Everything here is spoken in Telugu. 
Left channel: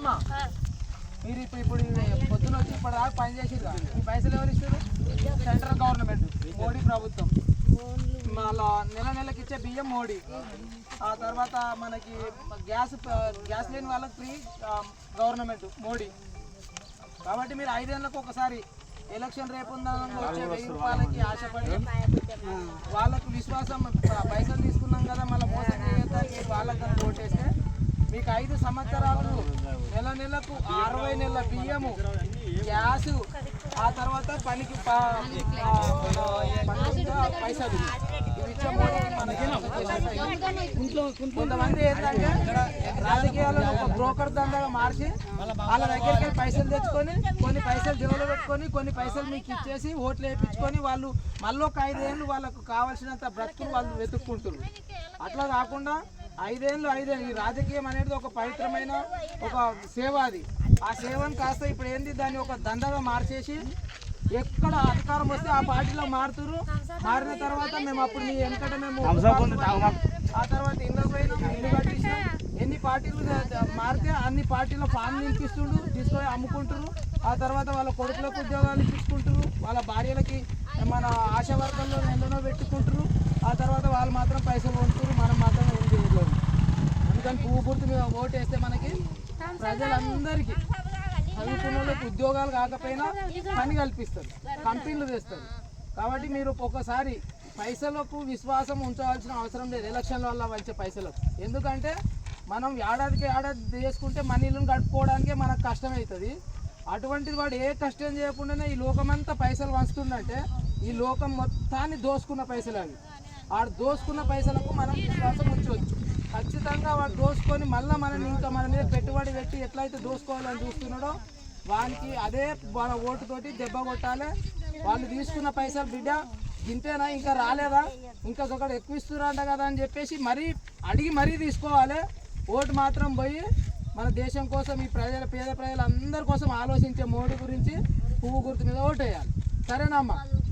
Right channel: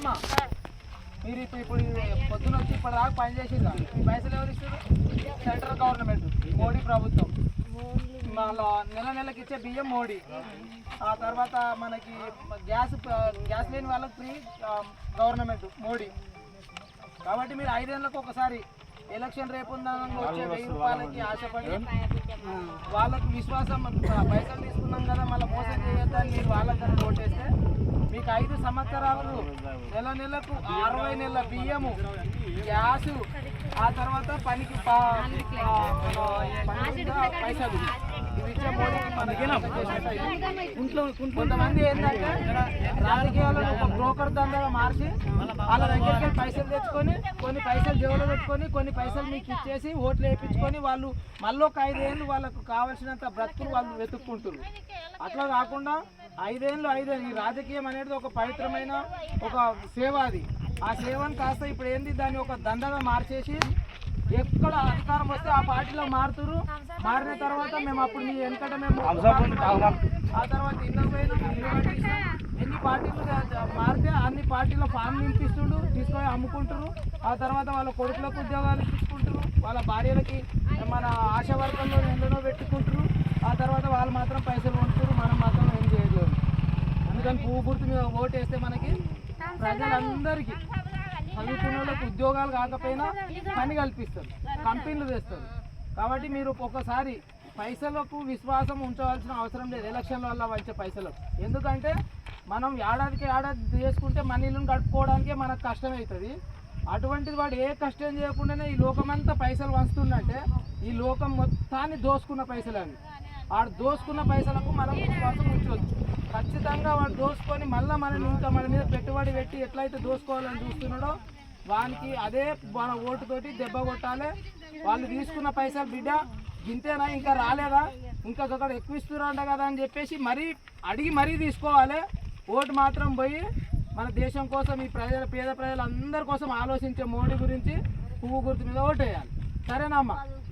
సరేనమ్మా, మీరు ఇప్పుడు పొద్దున వచ్చి ఇప్పటిదాకా పని చేసిర్రా, ఈ పైసలు ఎవరు ఇస్తారు? సెంట్రల్ గవర్నమెంట్, మోడీ ప్రభుత్వం. మళ్ళా నెలకి ఇచ్చే బియ్యం మోడీ. ఆ తర్వాత మనకి గ్యాస్ లేని వాళ్ళకి ఫ్రీ గవర్నమెంట్ మోడీ. కాబట్టి మీరు 5 ఏళ్ళకు ఒకసారి ఎలక్షన్ రేపు వచ్చే 1000 రూపాయలకి ఆశపడి వాళ్ళకు విశ్వాసం, పైసలు తీసుకున్నాం కదా మళ్ళీ మోసం చేయొద్దని మీరు వాళ్ళకి ఓటేస్తే మీకు 5 సంవత్సరాలు నెలకు 60 నెలల బియ్యము, గ్యాసు, ఆ తర్వాత పనికి పైసలు ఇవి ఇచ్చే మోడీకి మనకి కొంతమంది ఏంటంటే రాజకీయాలను ఒక బ్రోకర్ దండగా మార్చి వాళ్ళ దగ్గరికి వెళ్ళి పైసలు తెచ్చుకొని కొన్ని పైసలు జేబులో పెట్టుకొని కొన్ని పైసలు మీకు ఇచ్చేసి ఓట్లు వేయించుకొని వాళ్ళు మళ్ళీ ఒక 5 ఏళ్ళు వాళ్ళకు కావాల్సినంత బ్రతుకులు వాళ్ళు వెతుక్కుంటారు. అట్లా కాకుండా 5 ఏళ్ళు ఈ రాజకీయం అనేది ఒక పవిత్రమైన ఒక సేవ. అది ఆ సేవను కాస్త ఇప్పుడు ఏంది దాన్ని ఒక దండగా మార్చేసి ఎక్కడ అధికారం వస్తే ఆ పార్టీలో మారిన తర్వాత మేము అప్పుడు మీ వెనకట మేము ఆ తర్వాత ఇళ్ళకి పోయినాం, ఇల్లు కట్టించాం. ఎన్ని పార్టీలు మారితే అన్ని పార్టీల ఫామ్ తీసుకొని అమ్ముకుంటారు. ఆ తర్వాత వాళ్ళ కొడుకులకు ఉద్యోగాలు ఇప్పించుకుంటారు, వాళ్ళ భార్యలకి మన ఆశా వర్గంలో ఎన్నో పెట్టుకుంటారు. ఆ తర్వాత వాళ్ళు మాత్రం పైసలు కొనుక్కుంటారు, మనం మాత్రం ఏం చేయలేము. అందుకని పువ్వు గుర్తు మీద ఓటేస్తే మనకి ప్రజలందరికీ చదువుకున్న వాళ్ళకి ఉద్యోగాలు కాకపోయినా పని కల్పిస్తారు, కంపెనీలు తెస్తారు. కాబట్టి మీరు ఒకసారి పైసలకు విశ్వాసం ఉంచవలసిన అవసరం లేదు ఎలక్షన్ల వల్ల వచ్చే పైసలకు. ఎందుకంటే మనం ఏడాది చేసుకుంటే మన ఇల్లును గడుపుకోవడానికే మనకు కష్టమవుతుంది. అటువంటిది వాడు ఏ కష్టం చేయకుండానే ఈ లోకమంతా పైసలు వంచుతుందంటే ఈ లోకం మొత్తాన్ని దోసుకున్న పైసలు అవి. వాడు దోసుకున్న పైసలకు మనం విశ్వాసం ఉంచవచ్చు. ఖచ్చితంగా వాడు దోసుకొని మళ్ళీ మనని ఇంకా మన మీద పెట్టుబడి పెట్టి ఎట్లయితే దోసుకోవాలని చూస్తున్నాడో వానికి అదే మన ఓటుతోటి దెబ్బ కొట్టాలి. వాళ్ళు తీసుకున్న పైసలు బిడ్డ గింతేనా ఇంకా రాలేదా, ఇంకా ఒకటి ఎక్కువ ఇస్తున్నారంట కదా అని చెప్పేసి అడిగి తీసుకోవాలి. ఓటు మాత్రం పోయి మన దేశం కోసం ఈ పేద ప్రజలందరి కోసం ఆలోచించే మోడీ గురించి పువ్వు గుర్తు మీద ఓటు వేయాలి. సరేనమ్మా?